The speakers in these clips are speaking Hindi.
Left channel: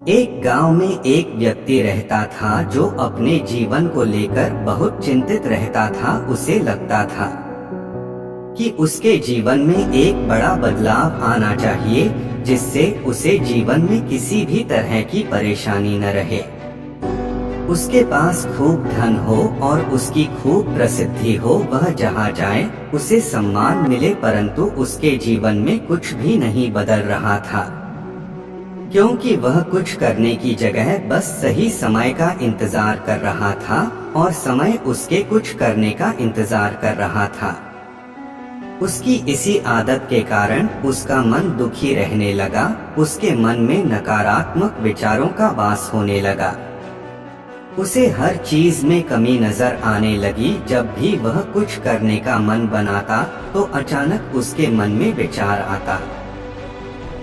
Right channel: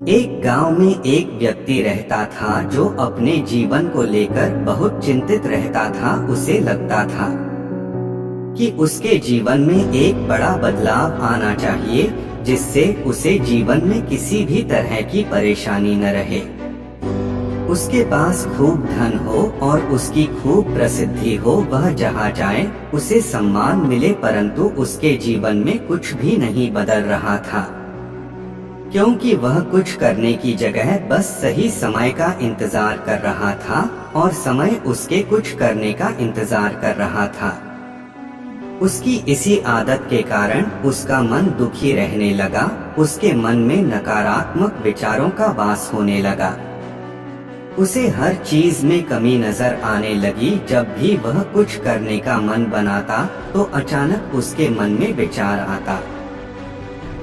एक गांव में एक व्यक्ति रहता था जो अपने जीवन को लेकर बहुत चिंतित रहता था। उसे लगता था कि उसके जीवन में एक बड़ा बदलाव आना चाहिए, जिससे उसे जीवन में किसी भी तरह की परेशानी न रहे। उसके पास खूब धन हो और उसकी खूब प्रसिद्धि हो, वह जहाँ जाए उसे सम्मान मिले, परंतु उसके जीवन में कुछ भी नहीं बदल रहा था, क्योंकि वह कुछ करने की जगह बस सही समय का इंतजार कर रहा था और समय उसके कुछ करने का इंतजार कर रहा था। उसकी इसी आदत के कारण उसका मन दुखी रहने लगा। उसके मन में नकारात्मक विचारों का वास होने लगा। उसे हर चीज में कमी नजर आने लगी। जब भी वह कुछ करने का मन बनाता तो अचानक उसके मन में विचार आता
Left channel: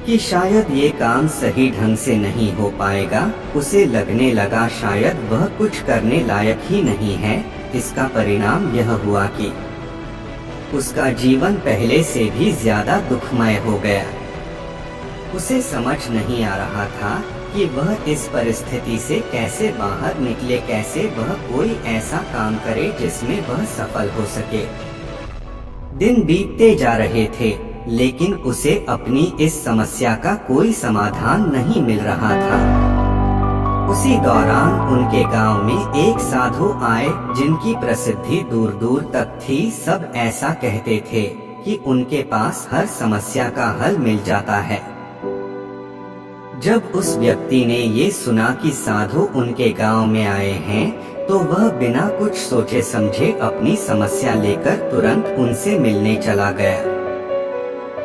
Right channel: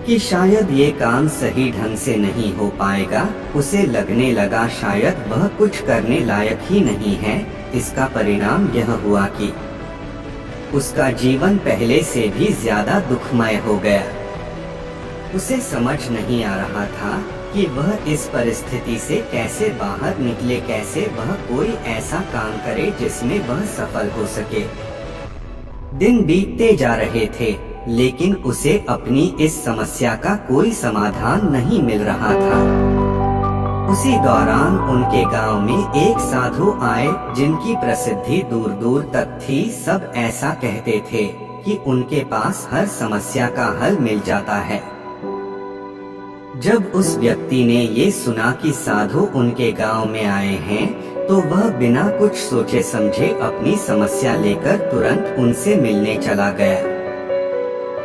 कि शायद ये काम सही ढंग से नहीं हो पाएगा। उसे लगने लगा शायद वह कुछ करने लायक ही नहीं है। इसका परिणाम यह हुआ कि उसका जीवन पहले से भी ज्यादा दुखमय हो गया। उसे समझ नहीं आ रहा था कि वह इस परिस्थिति से कैसे बाहर निकले, कैसे वह कोई ऐसा काम करे जिसमें वह सफल हो सके। दिन बीतते जा रहे थे, लेकिन उसे अपनी इस समस्या का कोई समाधान नहीं मिल रहा था। उसी दौरान उनके गांव में एक साधु आए जिनकी प्रसिद्धि दूर दूर तक थी। सब ऐसा कहते थे कि उनके पास हर समस्या का हल मिल जाता है। जब उस व्यक्ति ने ये सुना कि साधु उनके गांव में आए हैं, तो वह बिना कुछ सोचे समझे अपनी समस्या लेकर तुरंत उनसे मिलने चला गया।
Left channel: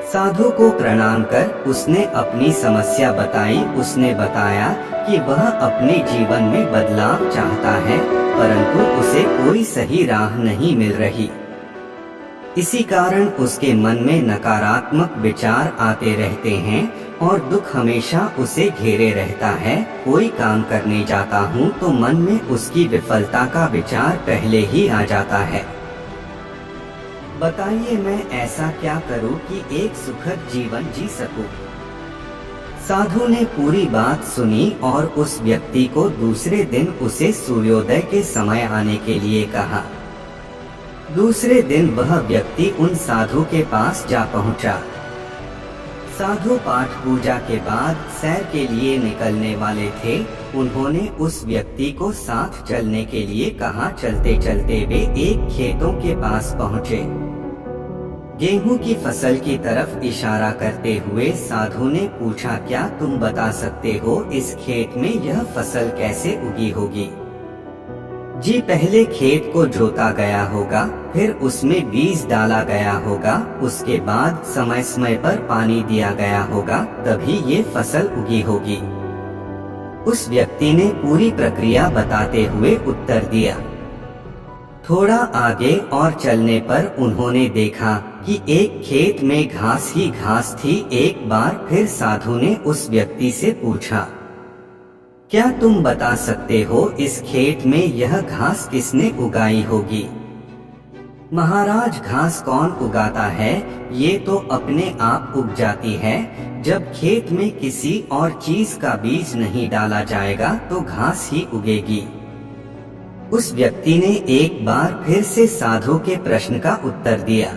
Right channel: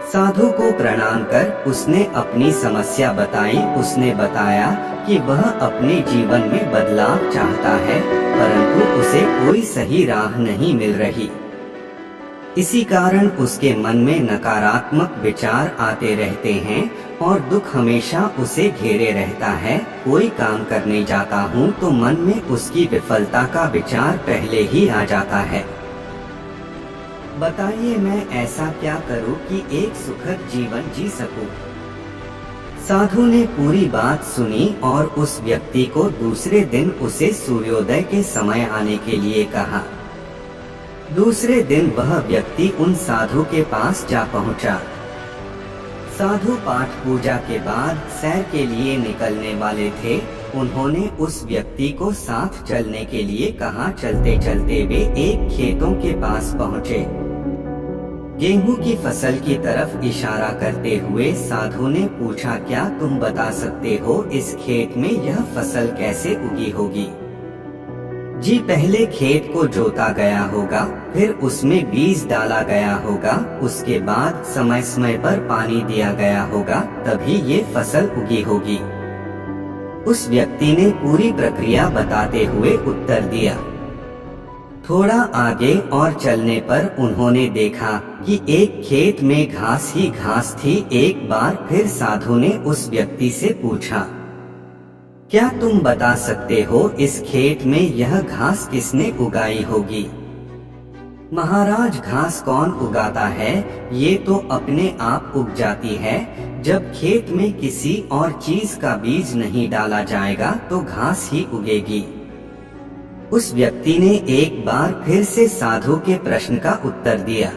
साधु को प्रणाम कर उसने अपनी समस्या बताई। उसने बताया कि वह अपने जीवन में बदलाव चाहता है, परंतु उसे कोई सही राह नहीं मिल रही। इसी कारण उसके मन में नकारात्मक विचार आते रहते हैं और दुख हमेशा उसे घेरे रहता है। कोई काम करने जाता हूँ तो मन में उसकी विफलता का विचार पहले ही आ जाता है। बताइए मैं ऐसा क्या करूं कि एक सुखद जीवन जी सकूं? साधु ने पूरी बात सुनी और उस व्यक्ति को दूसरे दिन उसे सूर्योदय के समय आने के लिए कहा। दूसरे दिन वह व्यक्ति उन साधु के पास जा पहुंचा। साधु पाठ पूजा के बाद सैर के लिए निकलने वाले थे। उन्होंने उस व्यक्ति को साथ चलने के लिए कहा। चलते चलते वे एक खेतों के पास पहुंचे। गेहूं की फसल की तरफ इशारा करते हुए साधु ने पूछा, क्या तुम बता सकते हो इस खेत में यह फसल कैसे उगी होगी? जी, पहले खेत को जोता गया होगा, फिर उसमें बीज डाला गया होगा, उसके बाद समय समय पर पानी दिया गया होगा, तभी ये फसल उगी होगी। उस व्यक्ति ने पूरी प्रक्रिया बताते हुए उत्तर दिया। थोड़ा आगे और चलने पर उन्होंने देखा कि एक खेत में घास ही घास थी। एक बार फिर साधु ने उस व्यक्ति से पूछा, क्या तुम बता सकते हो इस खेत में यह घास किसने उगाई होगी? महाराज, घास कौन उगाता है? ये तो अपने आप उग जाती है। जब खेत में किसी और चीज का बीज नहीं डाला जाएगा तो घास ही उगेगी। उस व्यक्ति ने एक बार फिर से साधु के प्रश्न का उत्तर दिया।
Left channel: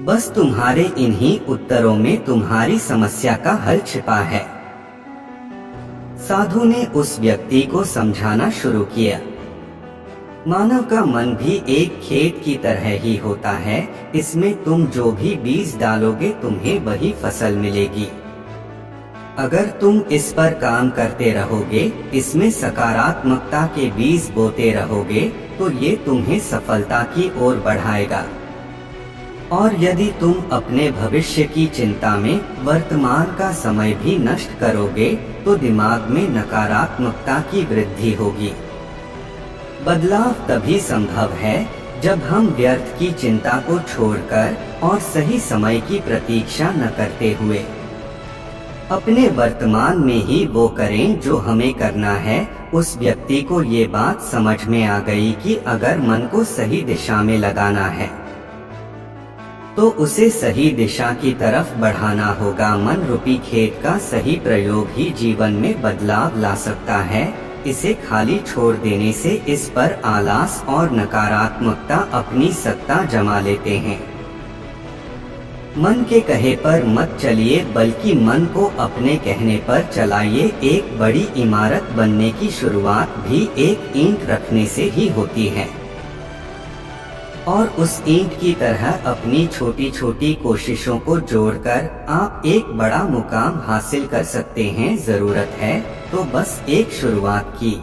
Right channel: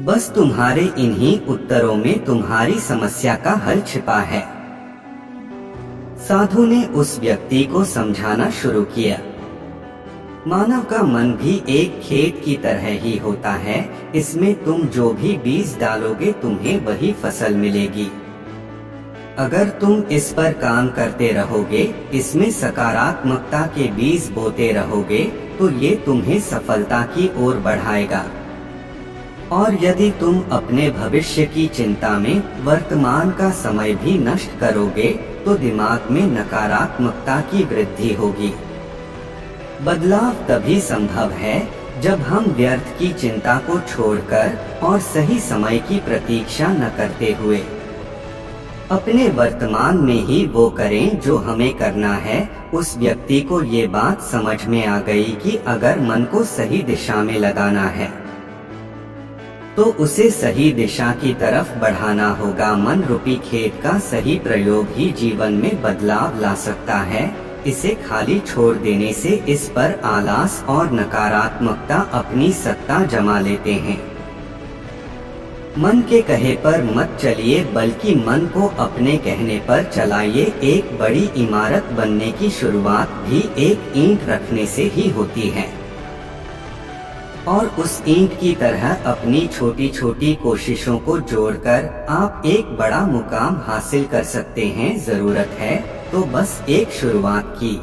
बस तुम्हारे इन्हीं उत्तरों में तुम्हारी समस्या का हल छिपा है। साधु ने उस व्यक्ति को समझाना शुरू किया। मानव का मन भी एक खेत की तरह ही होता है। इसमें तुम जो भी बीज डालोगे तुम्हें वही फसल मिलेगी। अगर तुम इस पर काम करते रहोगे, इसमें सकारात्मकता के बीज बोते रहोगे, तो ये तुम्हें सफलता की ओर बढ़ाएगा। और यदि तुम अपने भविष्य की चिंता में वर्तमान का समय भी नष्ट करोगे, तो दिमाग में नकारात्मकता की वृद्धि होगी। बदलाव तभी संभव है जब हम व्यर्थ की चिंता को छोड़कर और सही समय की प्रतीक्षा न करते हुए अपने वर्तमान में ही वो करें जो हमें करना है। उस व्यक्ति को ये बात समझ में आ गई कि अगर मन को सही दिशा में लगाना है तो उसे सही दिशा की तरफ बढ़ाना होगा। मन रूपी खेत का सही प्रयोग ही जीवन में बदलाव ला सकता है। इसे खाली छोड़ देने से इस पर आलस और नकारात्मकता अपनी सत्ता जमा लेते हैं। मन के कहे पर मत चलिए, बल्कि मन को अपने कहने पर चलाइए। एक बड़ी इमारत बनने की शुरुआत भी एक ईंट रखने से ही होती है, और उस ईंट की तरह अपनी छोटी छोटी कोशिशों को जोड़कर आप एक बड़ा मुकाम हासिल कर सकते हैं। जरूरत है तो बस एक शुरुआत की।